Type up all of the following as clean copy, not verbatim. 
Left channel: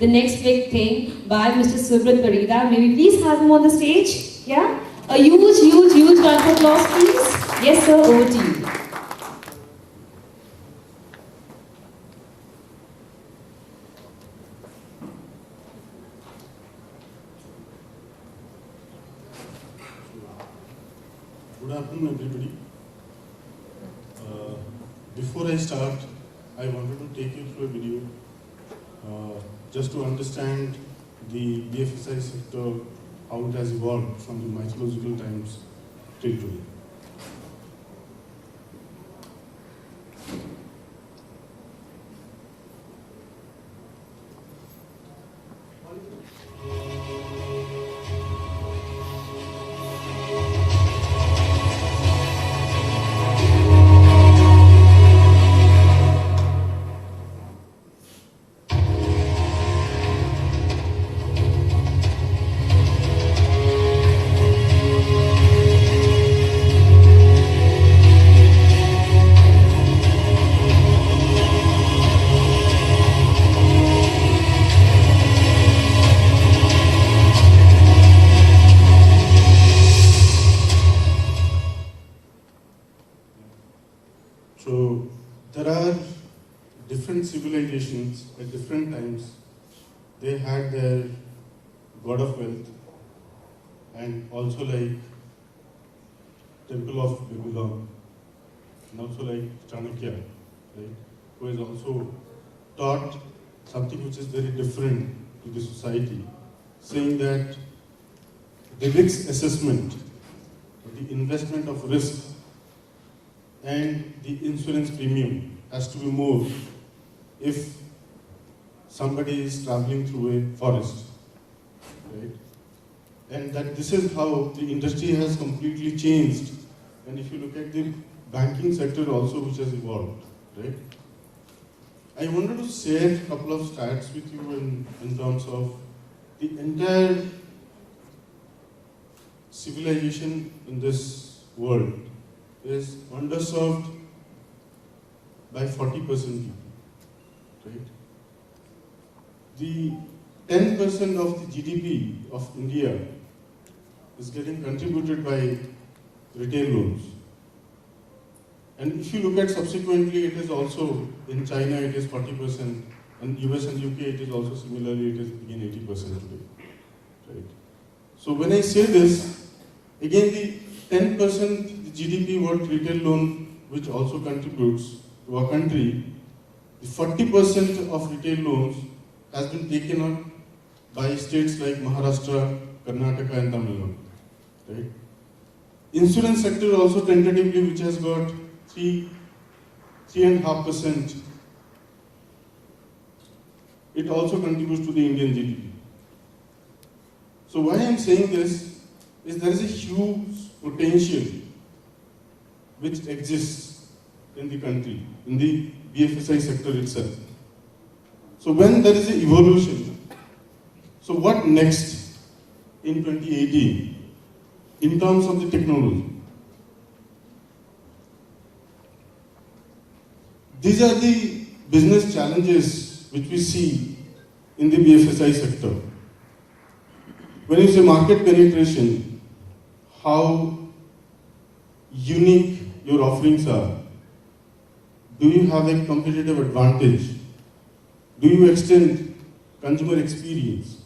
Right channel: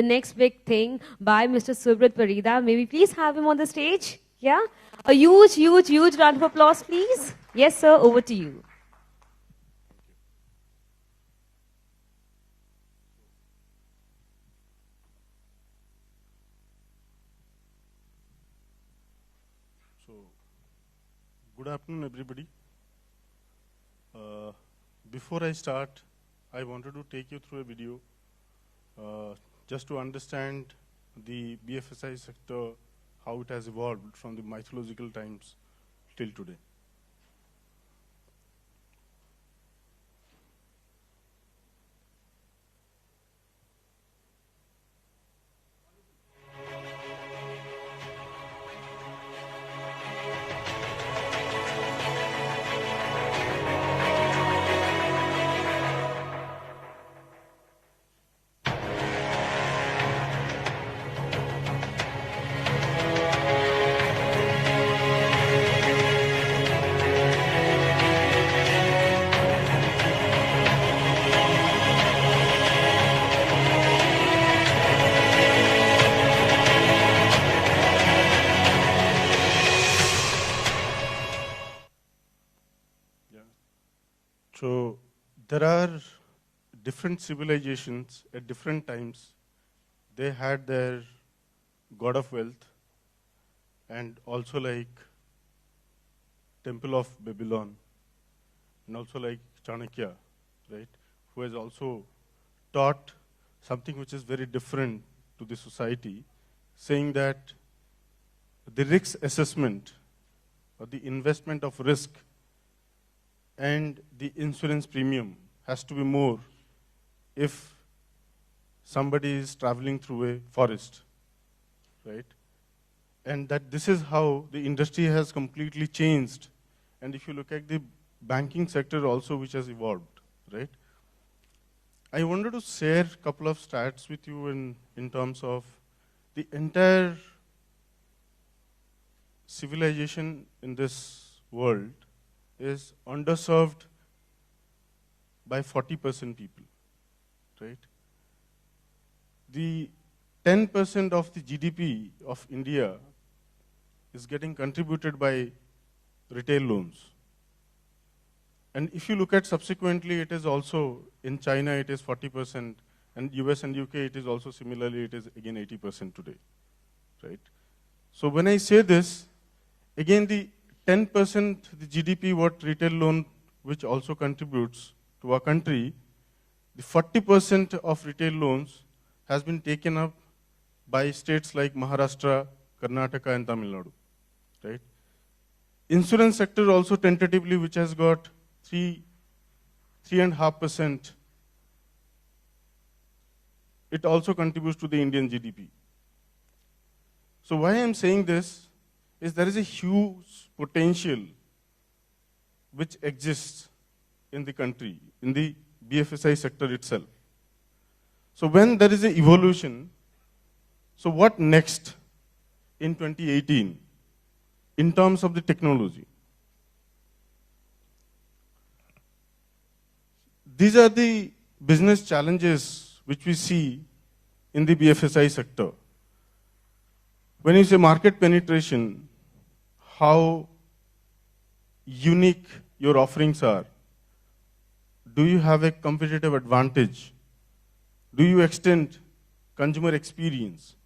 the next big thing by Mr. Subrat Parida. May we please have him on the stage? Yeah? A huge, huge, huge round of applause, please. Yes, sir, over to you. Good afternoon, everybody. Before I start, I wanted to take you through a video just to understand the BFSI sector, how it has evolved from the mythological times till today. So there are different civilizations at different times. They had their god of wealth and also like Temple of Babylon and also like Chanakya, right, who has also taught something which is very different to the society, saying that the risk assessment or the investment of risk and the insurance premium has to be more if somebody is traveling through a forest, right? And that this is how the industry has completely changed. And if you look at the banking sector also, which has evolved, right? I wanted to share a couple of stats with you in terms of the entire civilization in this world is underserved by 40% people, right? The 10% of the GDP of India is getting contributed by retail loans. And if you look at subsequently, it is also in China it is 40%, and US and UK it is also similarly, it is again 80% today, right? So when I say this, again the 10% GDP what retail loan which also contributes to our country, the 40% of retail loans has been taken up by states like Maharashtra, Karnataka and Tamil Nadu, right? Insurance sector also tentatively which has got 3.5%, it also contributes to the Indian GDP. So why I am saying this is there is a huge potential which exists in the country, in the BFSI sector itself. So when there is an evolution, so what next in 2018 in terms of the technology? These are the business challenges which we see in the BFSI sector. When you say market penetration, how unique your offerings are. Do you have a competitive advantage? Do you extend consumer experience?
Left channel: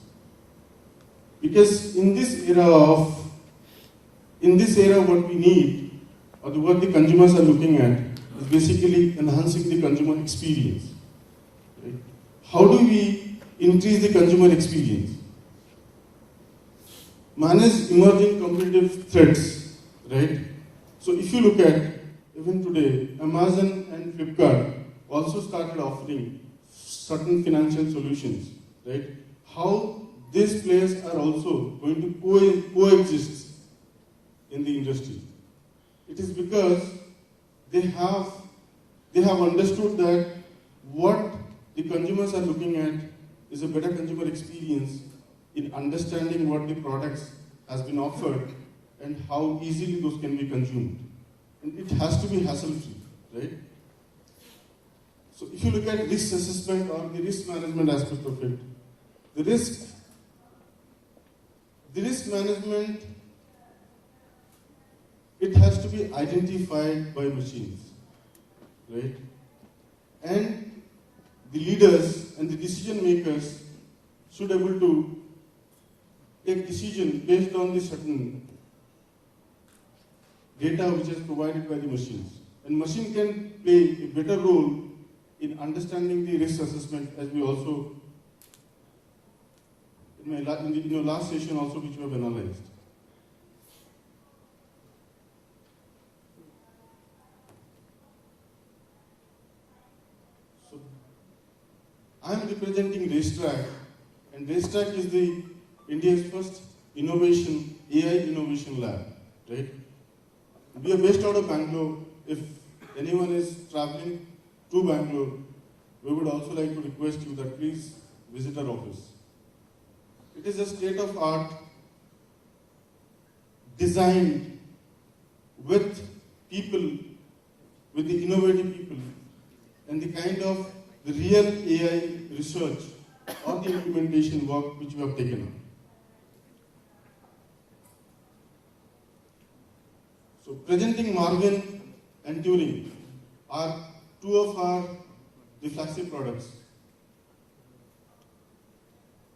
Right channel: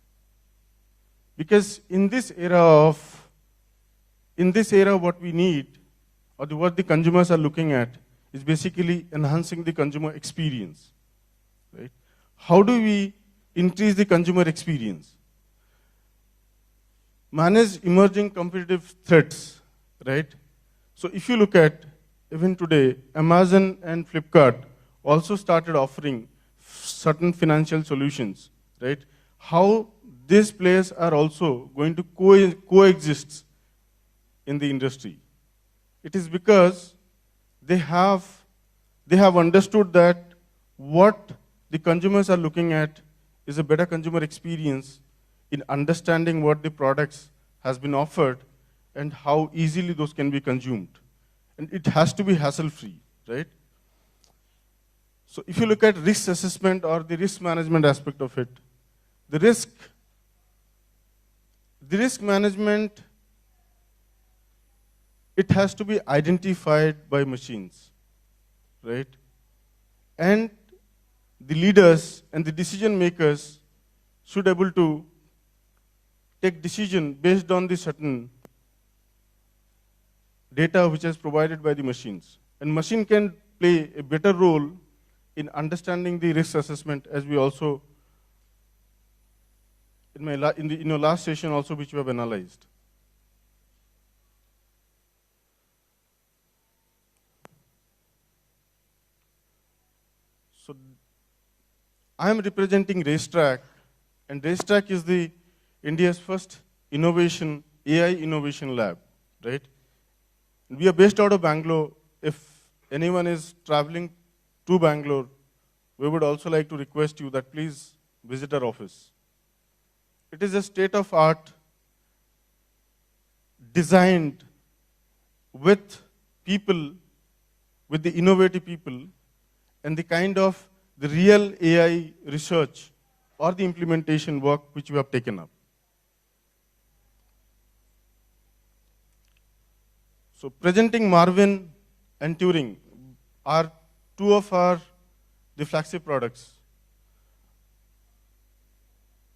Because in this era what we need, or what the consumers are looking at, is basically enhancing the consumer experience. Right? How do we increase the consumer experience? Manage emerging competitive threats, right? So if you look at, even today, Amazon and Flipkart also started offering certain financial solutions, right? How these players are also going to coexist in the industry. It is because they have understood that what the consumers are looking at is a better consumer experience in understanding what the products has been offered and how easily those can be consumed. And it has to be hassle-free, right? So if you look at risk assessment or the risk management aspect of it, The risk management, it has to be identified by machines, right? And the leaders and the decision makers should able to take decision based on the certain data which is provided by the machines. And machine can play a better role in understanding the risk assessment, as we also, in your last session also, which we have analyzed. So, I am representing Racetrack, and Racetrack is the India's first innovation, AI innovation lab, right? We are based out of Bangalore. If anyone is traveling to Bangalore, we would also like to request you that please visit our office. It is a state-of-art designed with people, with the innovative people, and the kind of the real AI research or the implementation work which we have taken up. So presenting Marvin and Turing are two of the flagship products.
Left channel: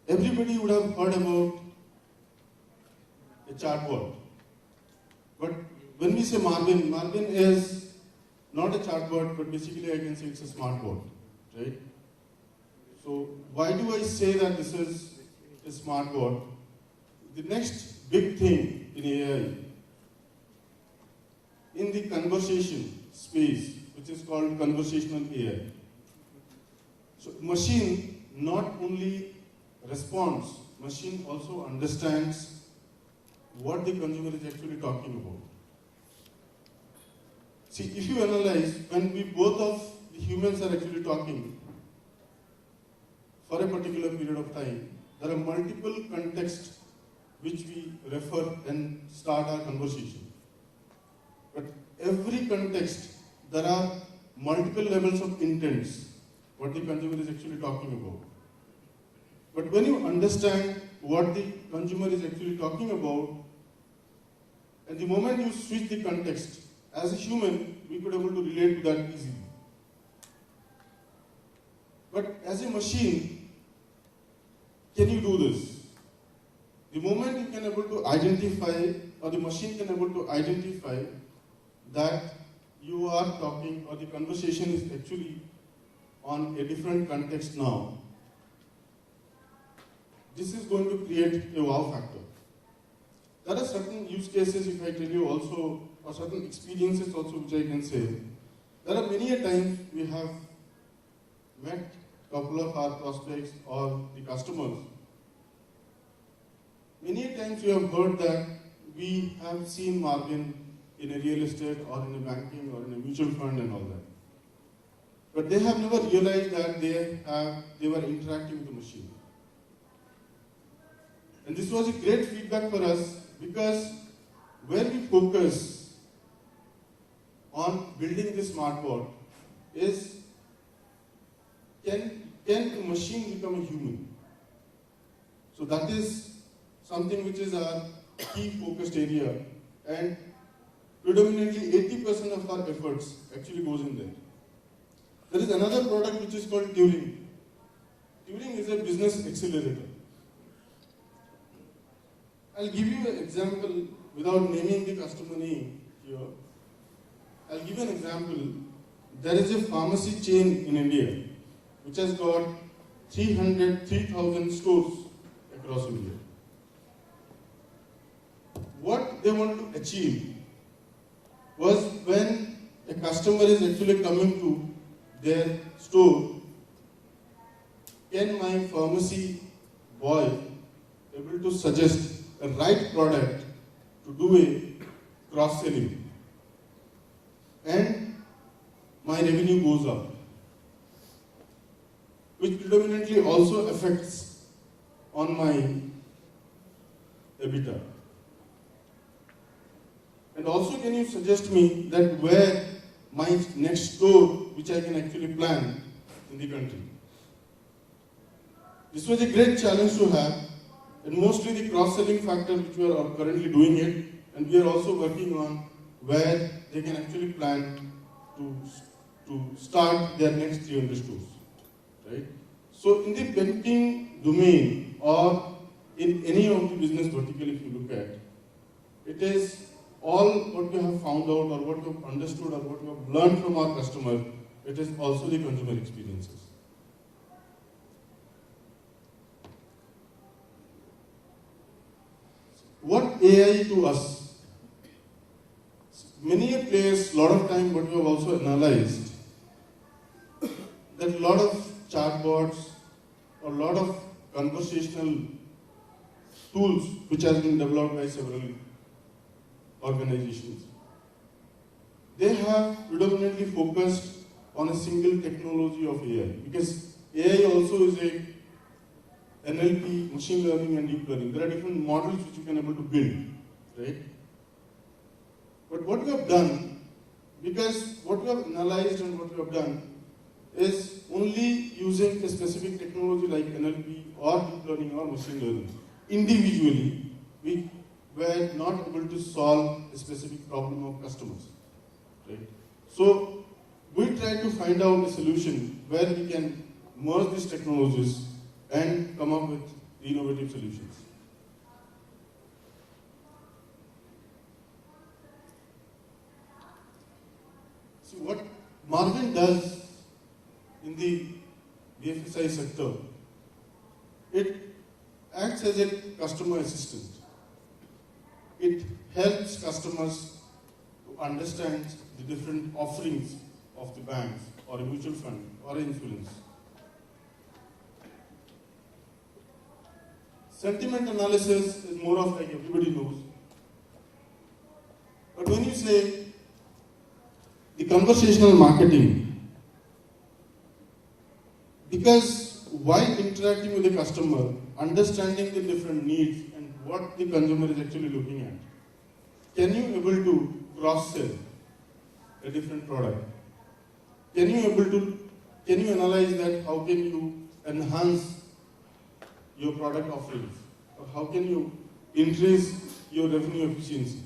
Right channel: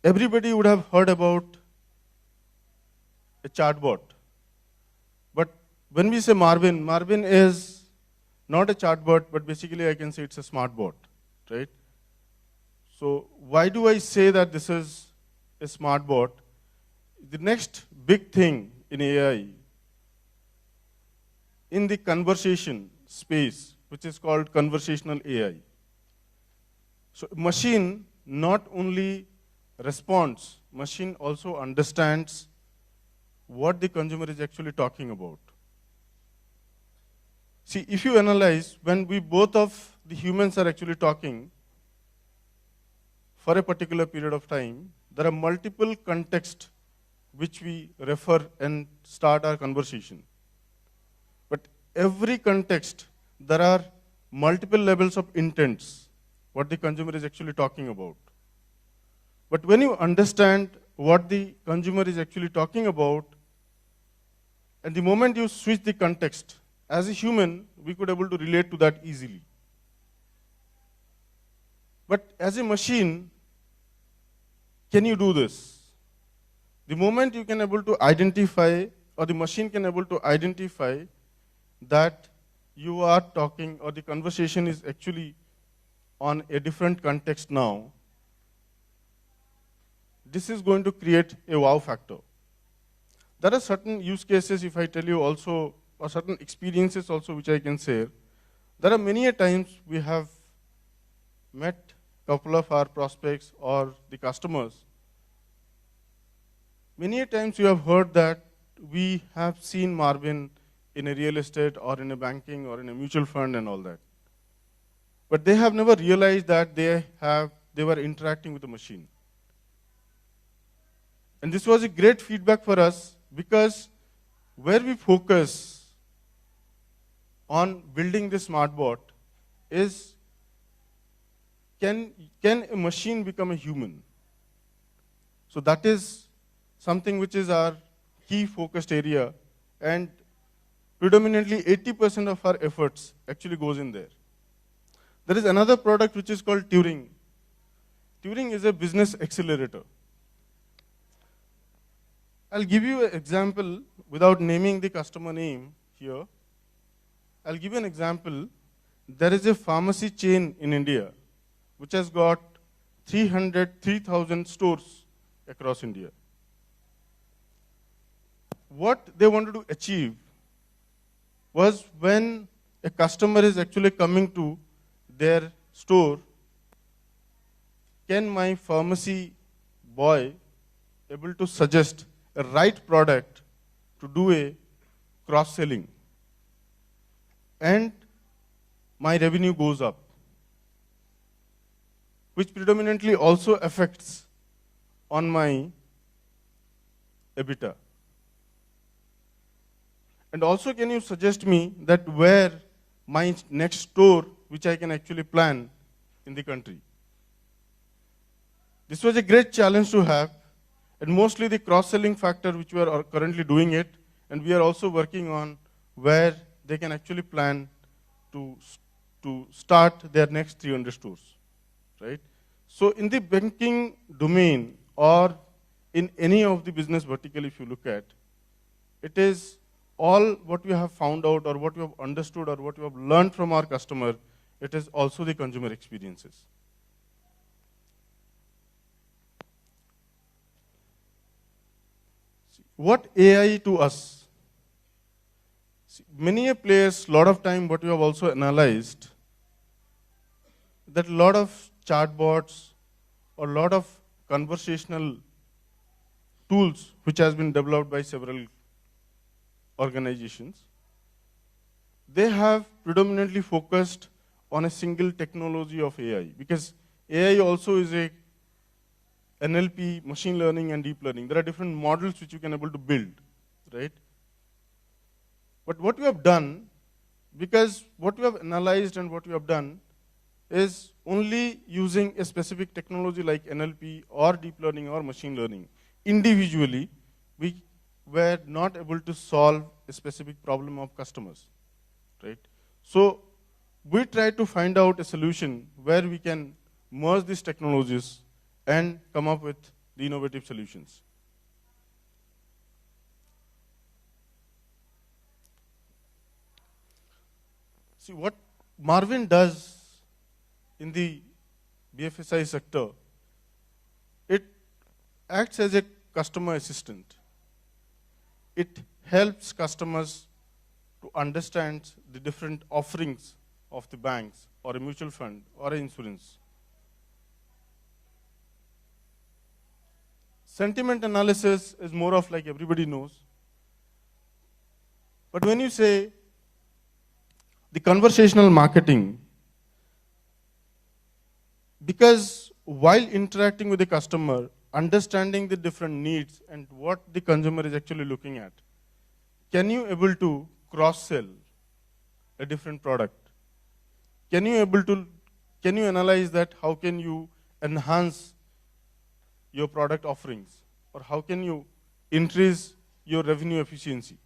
Everybody would have heard about a chatbot. But when we say Marvin, Marvin is not a chatbot, but basically I can say it's a smart bot, right? So why do I say that this is a smart bot? The next big thing in AI, in the conversation space, which is called conversational AI. So machine not only responds, machine also understands what the consumer is actually talking about. See, if you analyze, when we both of the humans are actually talking for a particular period of time, there are multiple contexts which we refer and start our conversation. But every context, there are multiple levels of intents, what the consumer is actually talking about. But when you understand what the consumer is actually talking about, at the moment you switch the context, as a human, we could able to relate to that easily. But as a machine, can you do this? The moment you can able to identify, or the machine can able to identify that you are talking, or the conversation is actually on a different context now, this is going to create a wow factor. There are certain use cases, if I tell you also, or certain experiences also which I can say. There are many a times we have met a couple of our prospects or the customers. Many a times you have heard that we have seen Marvin in a real estate or in a banking or in a mutual fund and all that. But they have never realized that they were interacting with a machine. And this was a great feedback for us, because where we focus on building the smart bot is, can a machine become a human? So that is something which is our key focused area, and predominantly 80% of our efforts actually goes in there. There is another product which is called Turing. Turing is a business accelerator. I'll give you an example without naming the customer name here. I'll give you an example. There is a pharmacy chain in India which has got 3,000 stores across India. What they wanted to achieve was, when a customer is actually coming to their store, can my pharmacy boy able to suggest a right product to do a cross-selling, and my revenue goes up, which predominantly also affects on my EBITDA. And also, can you suggest me that where my next store which I can actually plan in the country? This was a great challenge to have, and mostly the cross-selling factor which we are currently doing it, and we are also working on where they can actually plan to start their next 300 stores, right? So in the banking domain or in any of the business vertical, if you look at, it is all what we have found out or what we have understood or what we have learned from our customer, it is also the consumer experiences. What AI to us? Many players, lot of time what we have also analyzed, that a lot of chatbots or a lot of conversational tools which has been developed by several organizations, they have predominantly focused on a single technology of AI, because AI also is a NLP, machine learning and deep learning. There are different models which you can able to build, right? But what we have done, because what we have analyzed and what we have done is only using a specific technology like NLP or deep learning or machine learning. Individually, we were not able to solve a specific problem of customers, right? So we tried to find out a solution where we can merge these technologies and come up with the innovative solutions. See, what Marvin does in the BFSI sector, it acts as a customer assistant. It helps customers to understand the different offerings of the banks or a mutual fund or an insurance. Sentiment analysis is more of like everybody knows. But when you say the conversational marketing, because while interacting with the customer, understanding the different needs and what the consumer is actually looking at, can you able to cross-sell a different product? Can you analyze that? How can you enhance your product offerings, or how can you increase your revenue efficiency?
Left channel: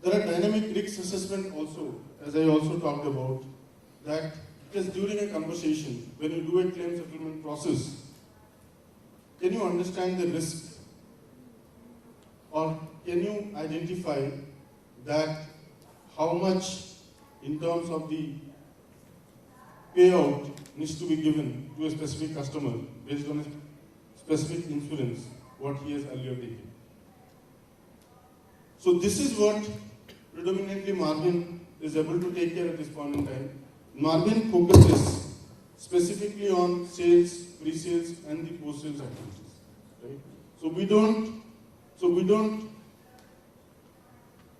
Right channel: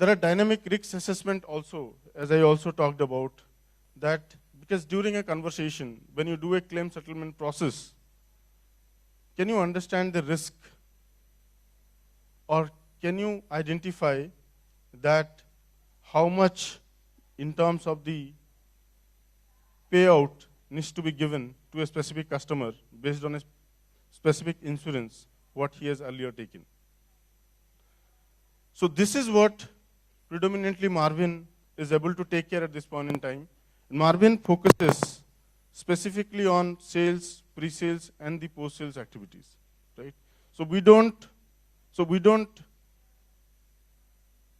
There are dynamic risk assessment also, as I also talked about, that because during a conversation, when you do a claim settlement process, can you understand the risk, or can you identify that how much in terms of the payout needs to be given to a specific customer based on a specific insurance what he has earlier taken. So this is what predominantly Marvin is able to take care at this point in time. Marvin focuses specifically on sales, pre-sales and the post-sales activities, right? So we don't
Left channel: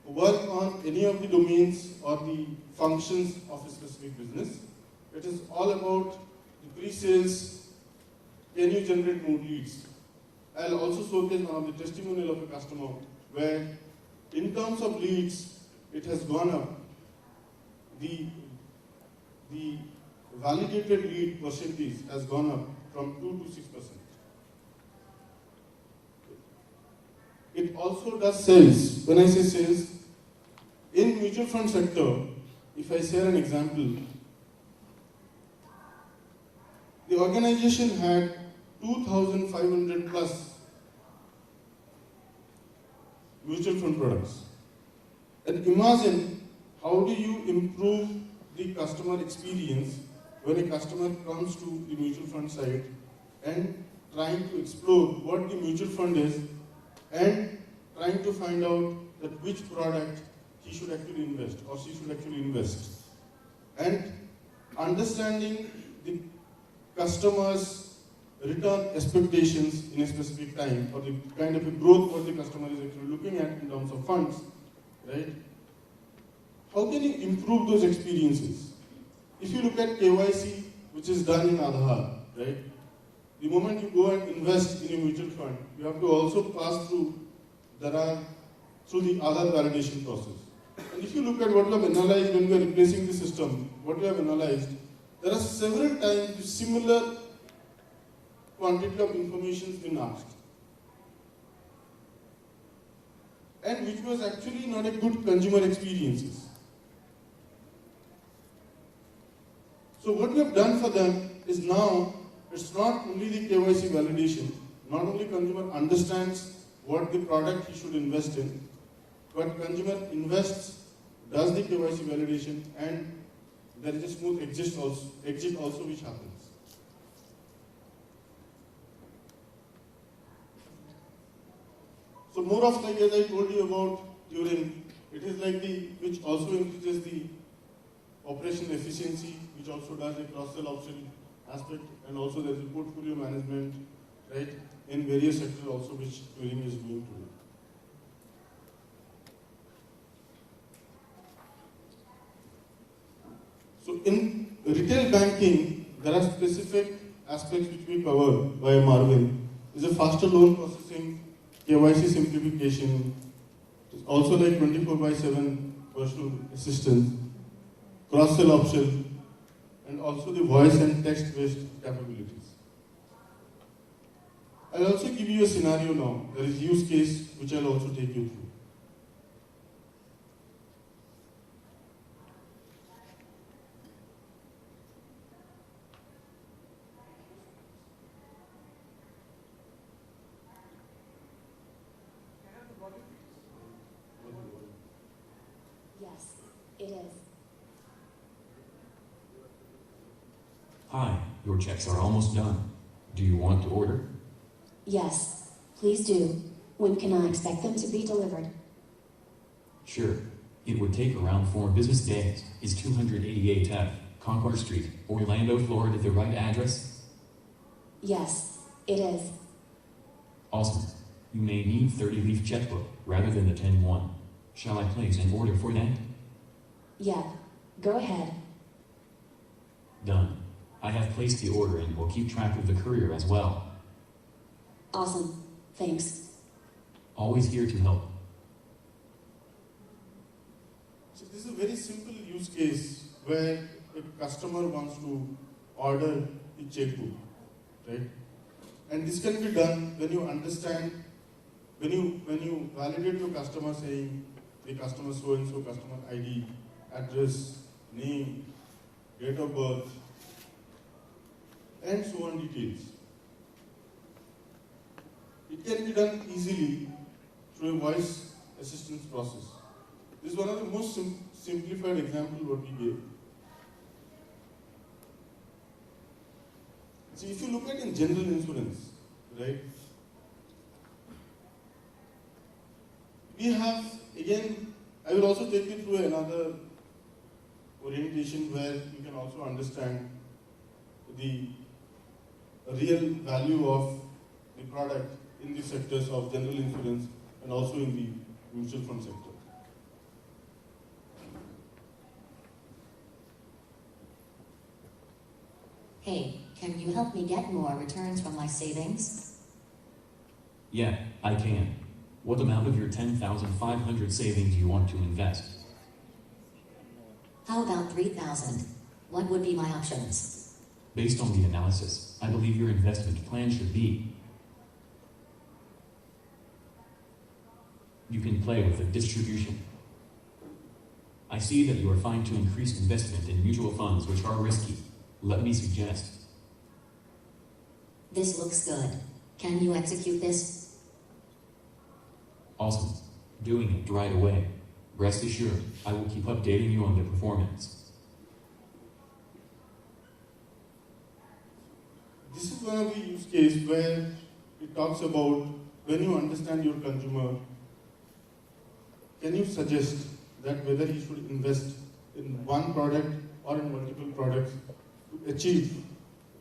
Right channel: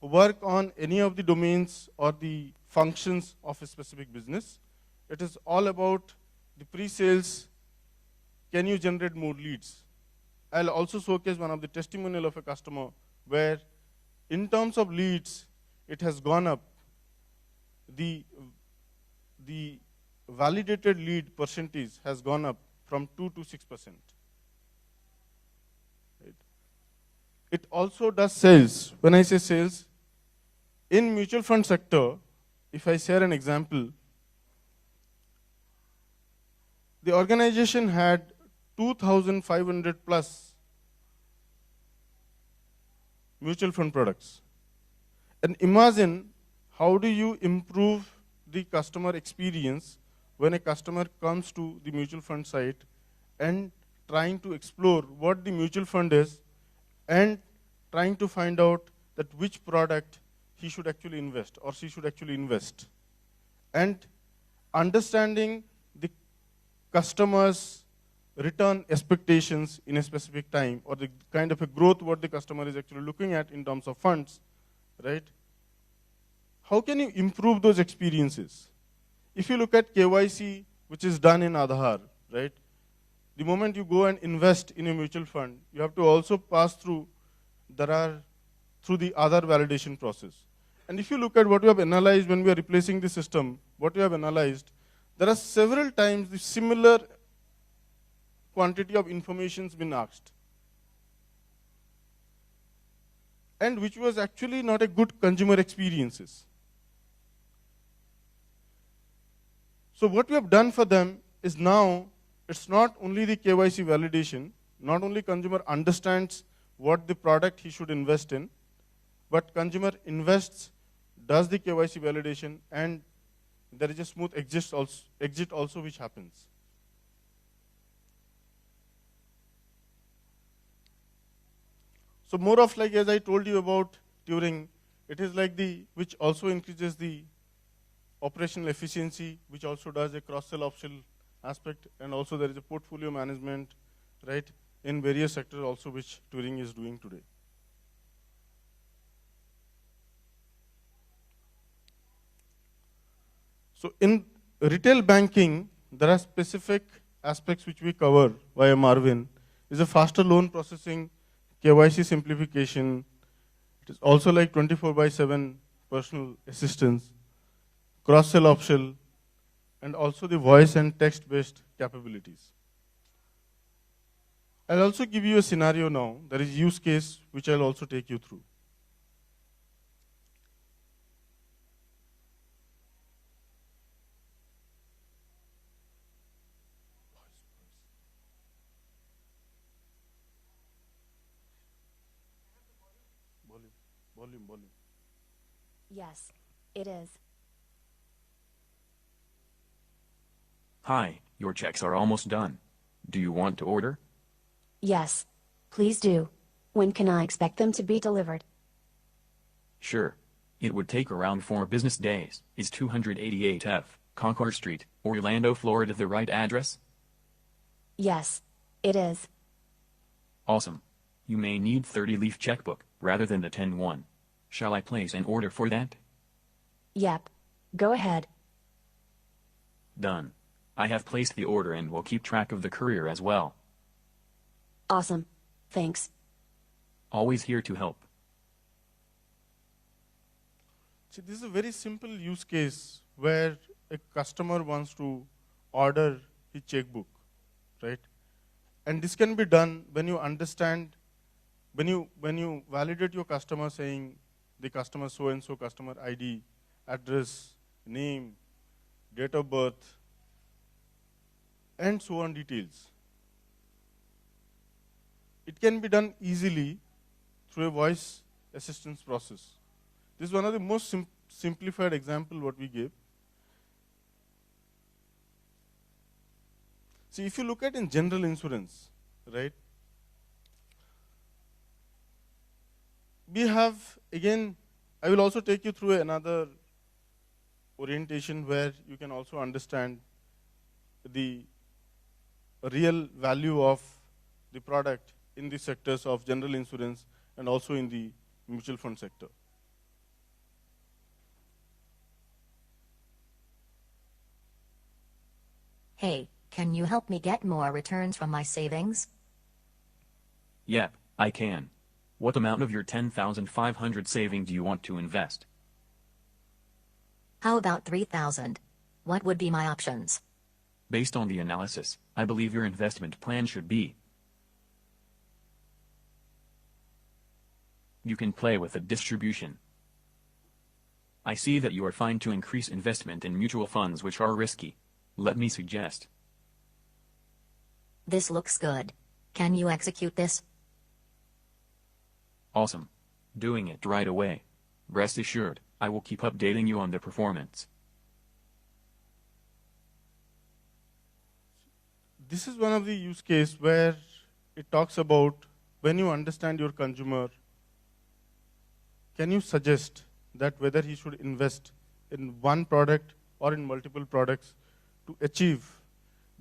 work on any of the domains or the functions of a specific business. It is all about the pre-sales. Can you generate more leads? I'll also showcase one of the testimonial of a customer where in terms of leads, it has gone up. The validated lead percentage has gone up from 2 to 6%. It also does sales. When I say sales, in mutual fund sector, if I share an example, the organization had 2,500 plus mutual fund products. And imagine how do you improve the customer experience when a customer comes to the mutual fund site and trying to explore what the mutual fund is and trying to find out that which product he should actually invest or she should actually invest. And understanding the customer's return expectations in a specific time or the kind of a growth what the customer is actually looking at in terms of funds, right? How can you improve those experiences? If you look at KYC, which is done in Aadhaar, right? The moment you go and invest in a mutual fund, you have to also pass through the Aadhaar validation process. And if you look at what we have analyzed when we are replacing the system, what we have analyzed, there are several times the similar quantity of information has been asked, and which was actually not a good consumer experiences. So what we have done for them is now, it's not only the KYC validation, not only consumer understands what the product he should invest in, but consumer invests, does the KYC validation, and there is a smooth exit also which happens. So more of like, as I told you about during, it is like which also increases the operational efficiency, which also does a cross-sell option aspect, and also there is a portfolio management, right, in various sectors also which Turing is doing today. So in retail banking, there are specific aspects which we cover by Marvin. Is a faster loan processing, KYC simplification, it is also like 24/7 personal assistance, cross-sell option, and also the voice and text-based capabilities. I'll also give you a scenario now. There is use case which I'll also take you through. Yes, it is. Hi, your checks are almost done. Do you want to order? Yes, please do. When can I expect them to be delivered? Sure. It would take around 4 business days. Is 288F, Concord Street, Orlando, Florida the right address? Yes, it is. Awesome. You may need 30-leaf checkbook rather than the 10-1. Shall I place an order for that? Yep, go ahead. Done. I have placed the order and will keep track of the courier as well. Awesome, thanks. Always here to help. So this is a very simple use case where a customer wants to order his checkbook, right? And this can be done when you understand, when you validate your customer saying the customer so-and-so, customer ID, address, name, date of birth, and so on details. It can be done easily through a voice assistance process. This is one of the most simplified example what we gave. See, if you look at in general insurance, right, we have, again, I will also take you through another orientation where you can also understand the real value of the product in the sectors of general insurance and also in the mutual fund sector. Hey, can you help me get more returns from my savings? Yeah, I can. What amount of your 10,500 savings do you want to invest? How about 3,000? What would be my options? Based on the analysis, I believe your investment plan should be: you can play with the distribution. I see that you are fine to increase investment in mutual funds which are risky. Let me suggest. This looks good. Can you execute this? Awesome. Doing it right away. Rest assured, I will keep updating you on the performance. This is one of the use cases where it talks about when you understand your consumer, can you suggest that whether he should invest in one product or in multiple products to achieve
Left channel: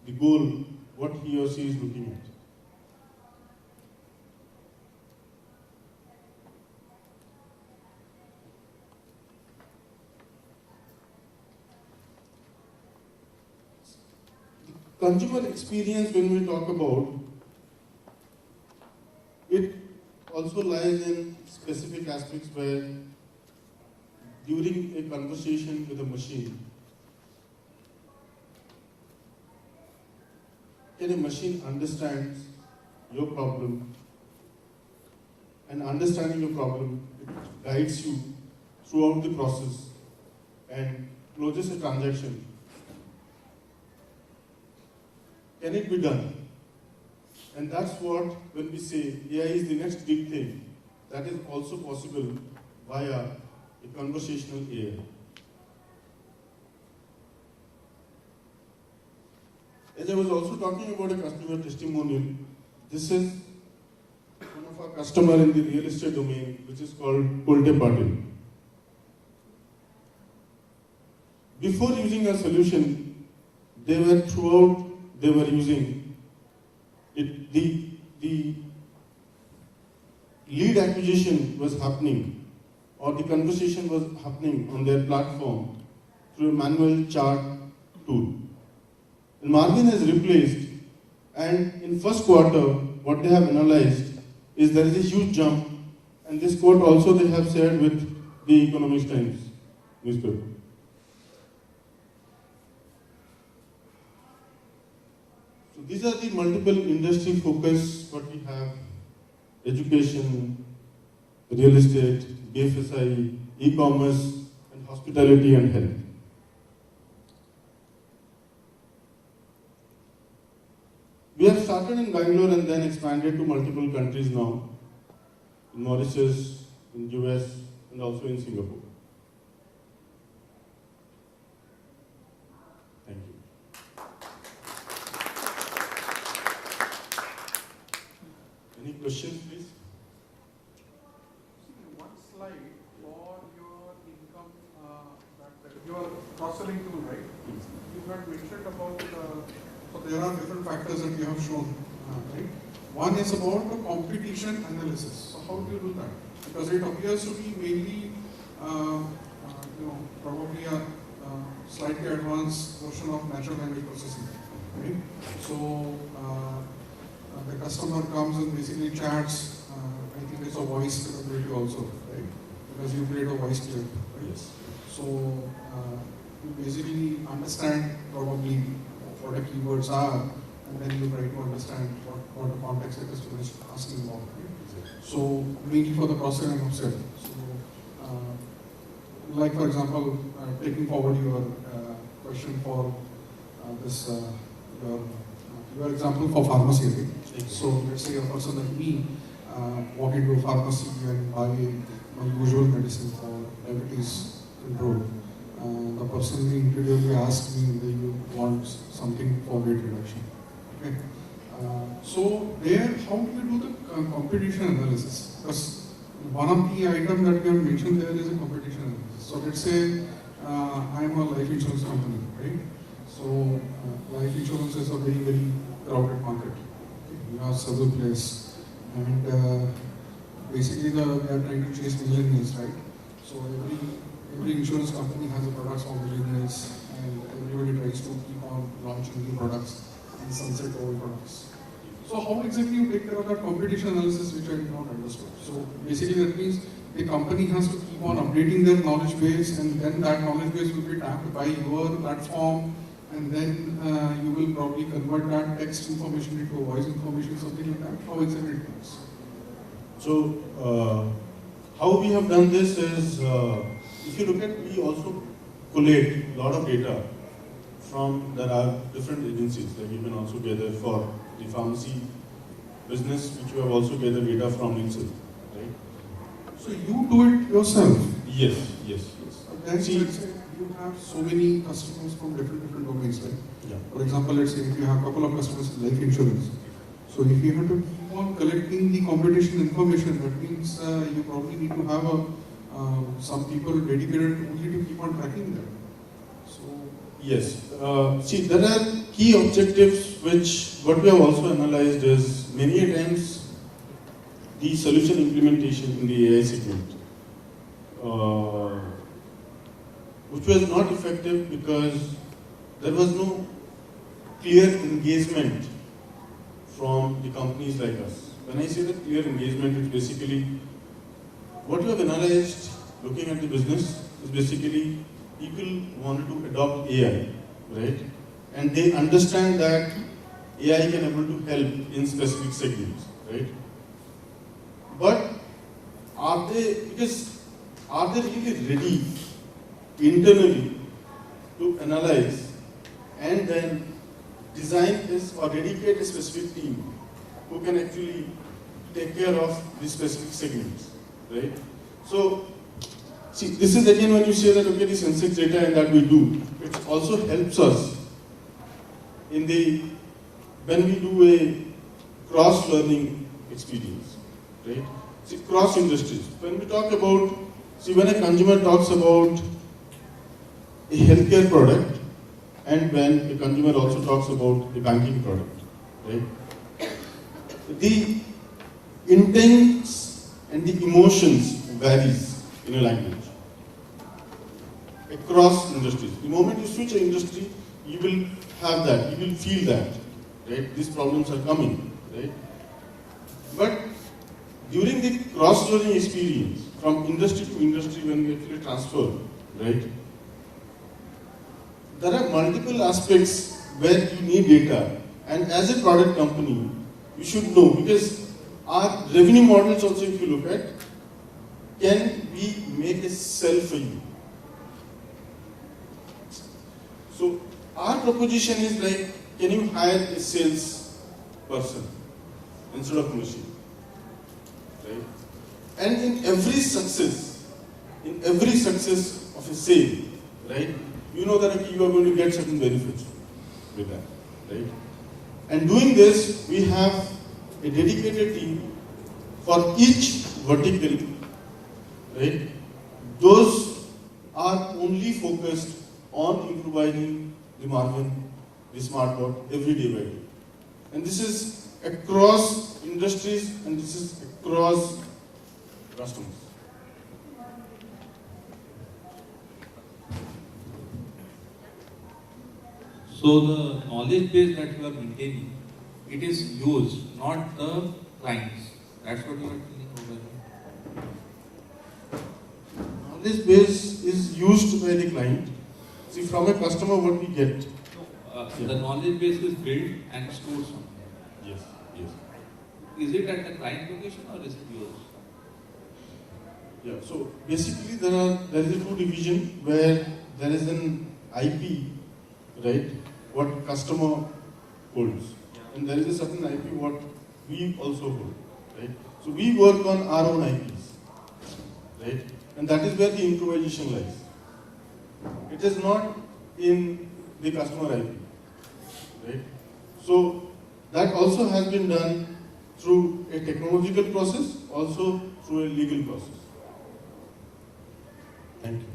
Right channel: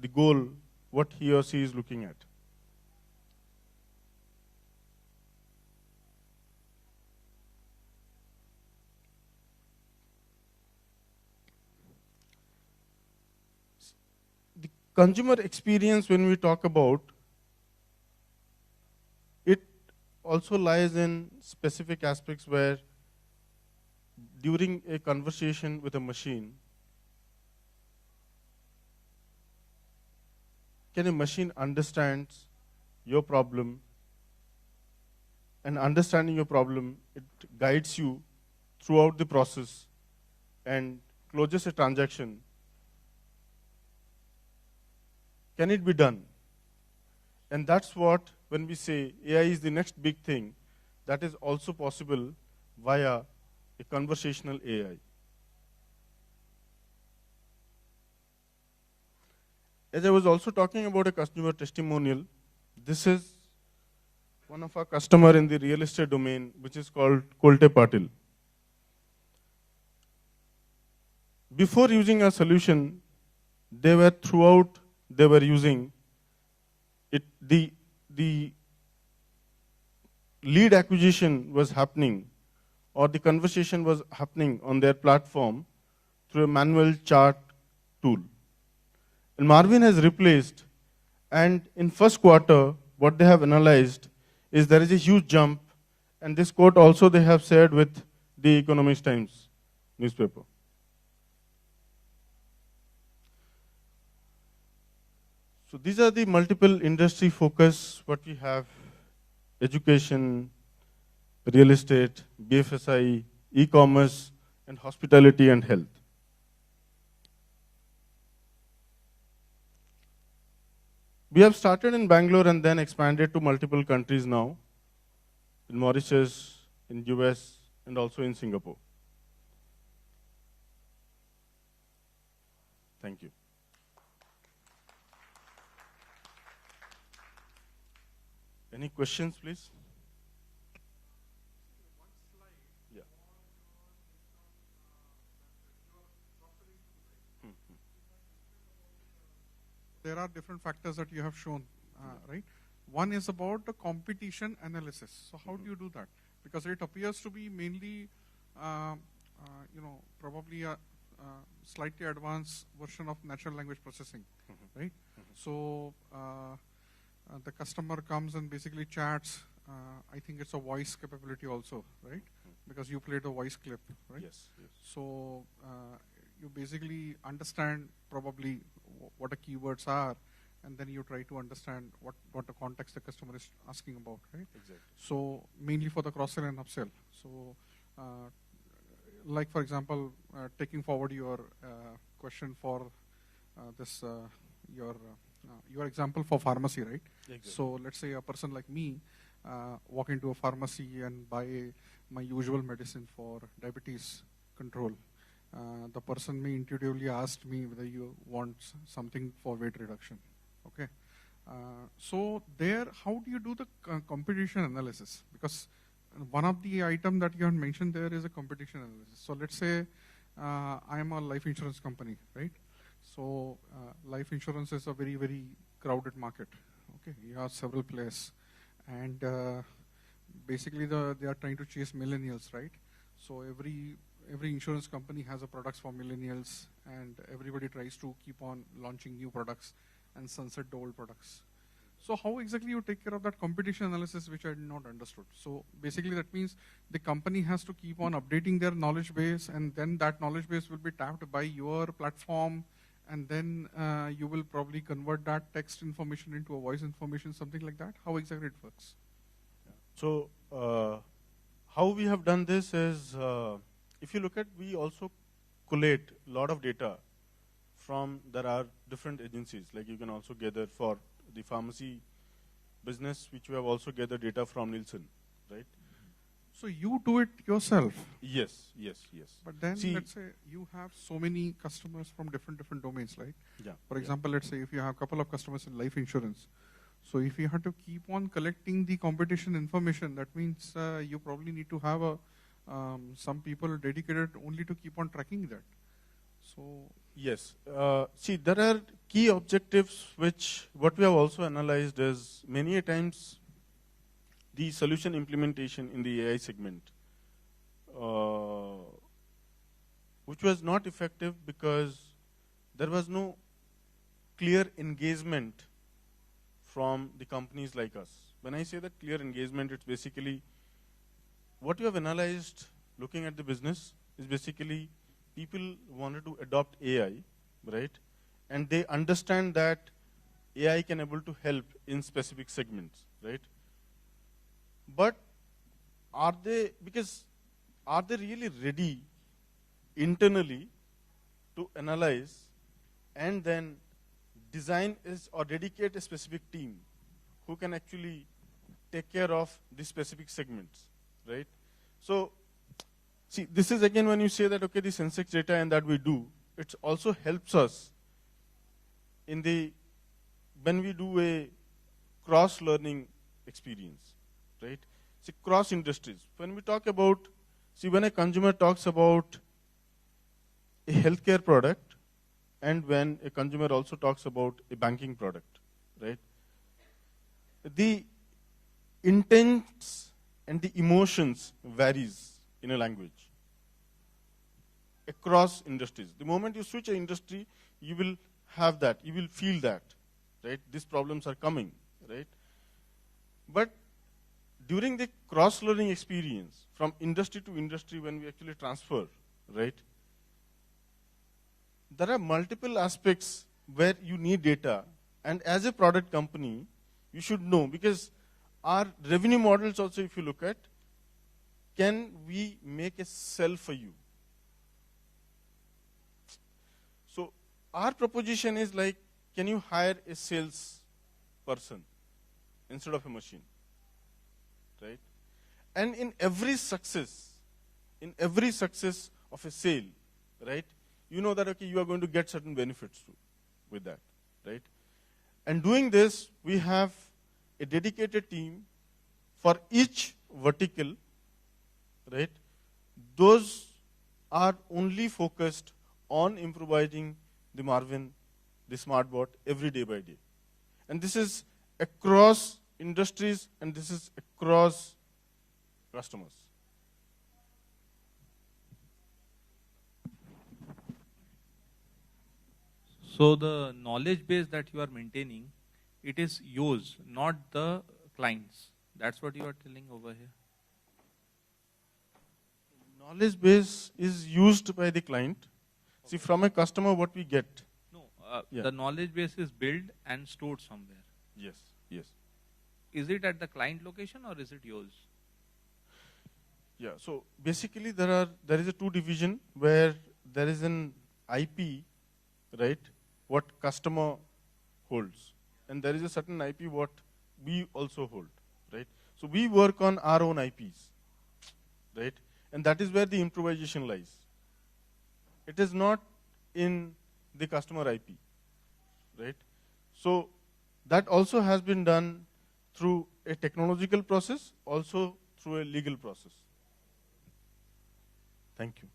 the goal what he or she is looking at. The consumer experience, when we talk about, it also lies in specific aspects where during a conversation with a machine, can a machine understand your problem? And understanding your problem, it guides you throughout the process and closes a transaction. Can it be done? And that's what, when we say AI is the next big thing, that is also possible via a conversational AI. As I was also talking about a customer testimonial, this is one of our customers in the real estate domain, which is called Kolte Patil. Before using our solution, they were using it, the lead acquisition was happening, or the conversation was happening on their platform through a manual chart tool. And Marvin has replaced, and in first quarter, what they have analyzed is there is a huge jump, and this quote also they have shared with the Economist Times newspaper. So these are the multiple industry focus what we have: education, real estate, BFSI, e-commerce, and hospitality and health. We have started in Bangalore and then expanded to multiple countries now, in Mauritius, in US, and also in Singapore. Thank you. Any questions, please? One slide for your income, your cross-selling tool, right? You had mentioned about, so there are different factors that you have shown, right? One is about the competition analysis. So how do you do that? Because it appears to be mainly, probably a slightly advanced version of natural language processing, right? So the customer comes and basically chats. I think it's a voice capability also, right? Because you create a voice clip, right? Yes. So you basically understand probably what the keywords are, and then you try to understand what the context the customer is asking about, right? So mainly for the cross-selling of sales. So like for example, taking forward your question for this your example for pharmacy, right? So let's say a person like me walk into a pharmacy and buy my usual medicine for diabetes control. The person will individually ask me whether you want something for weight reduction. Okay. So there, how do you do the competition analysis? Because one of the items that you have mentioned there is a competition analysis. So let's say I am a life insurance company, right? So life insurance is a very, very crowded market. You have several players, and basically they are trying to chase millennials, right? So every insurance company has a product for millennials, and everybody tries to keep on launching new products and sunset old products. So how exactly you take care of that competition analysis, which I did not understand? So basically that means the company has to keep on updating their knowledge base, and then that knowledge base will be tapped by your platform, and then you will probably convert that text information into a voice information, something like that. How exactly it works? So how we have done this is, if you look at, we also collate a lot of data from, there are different agencies that you can also gather for the pharmacy business, which you have also gathered data from Nielsen, right? So you do it yourself? Yes. But then let's say you have so many customers from different domains, right? Yeah. For example, let's say if you have a couple of customers in life insurance, so if you have to keep on collecting the competition information, that means you probably need to have some people dedicated only to keep on tracking them. So Yes. See, there are key objectives which, what we have also analyzed is, many times the solution implementation in the AI segment, which was not effective because there was no clear engagement from the companies like us. When I say that clear engagement, it's basically what you have analyzed looking at the business is basically people wanted to adopt AI, right? And they understand that AI can able to help in specific segments, right? But are they really ready internally to analyze and then design this or dedicate a specific team who can actually take care of these specific segments, right? So, see, this is again when you say that, okay, the Sensex data and that we do, it also helps us in when we do a cross-learning experience, right? See, cross-industries. When we talk about, when a consumer talks about a healthcare product and when a consumer also talks about a banking product, right? The intents and the emotions varies in a language across industries. The moment you switch an industry, you will have that, you will feel that, right? These problems are coming, right? But during the cross-learning experience, from industry to industry when we actually transfer, right? There are multiple aspects where you need data, and as a product company, you should know, because our revenue models also, if you look at, can we make a sell for you? So our proposition is like, can you hire a sales person instead of machine? Right? And in every success of a sale, right, you know that you are going to get certain benefits with that, right? And doing this, we have a dedicated team for each vertical, right? Those are only focused on improvising the margin, the smart board, every day by day. And this is across industries and this is across customers. So the knowledge base that you are maintaining, it is used, not the clients. That's what you are telling over here. Knowledge base is used by the client. See, from a customer, what we get. The knowledge base is built and stored somewhere. Yes, yes. Is it at the client location or is it yours? Yeah, so basically there is a two division where there is an IP, right, what customer holds. And there is a certain IP what we also hold, right? So we work on our own IPs, right? And that is where the improvisation lies. It is not in the customer IP, right? So that also has been done through a technological process, also through a legal process. Thank you.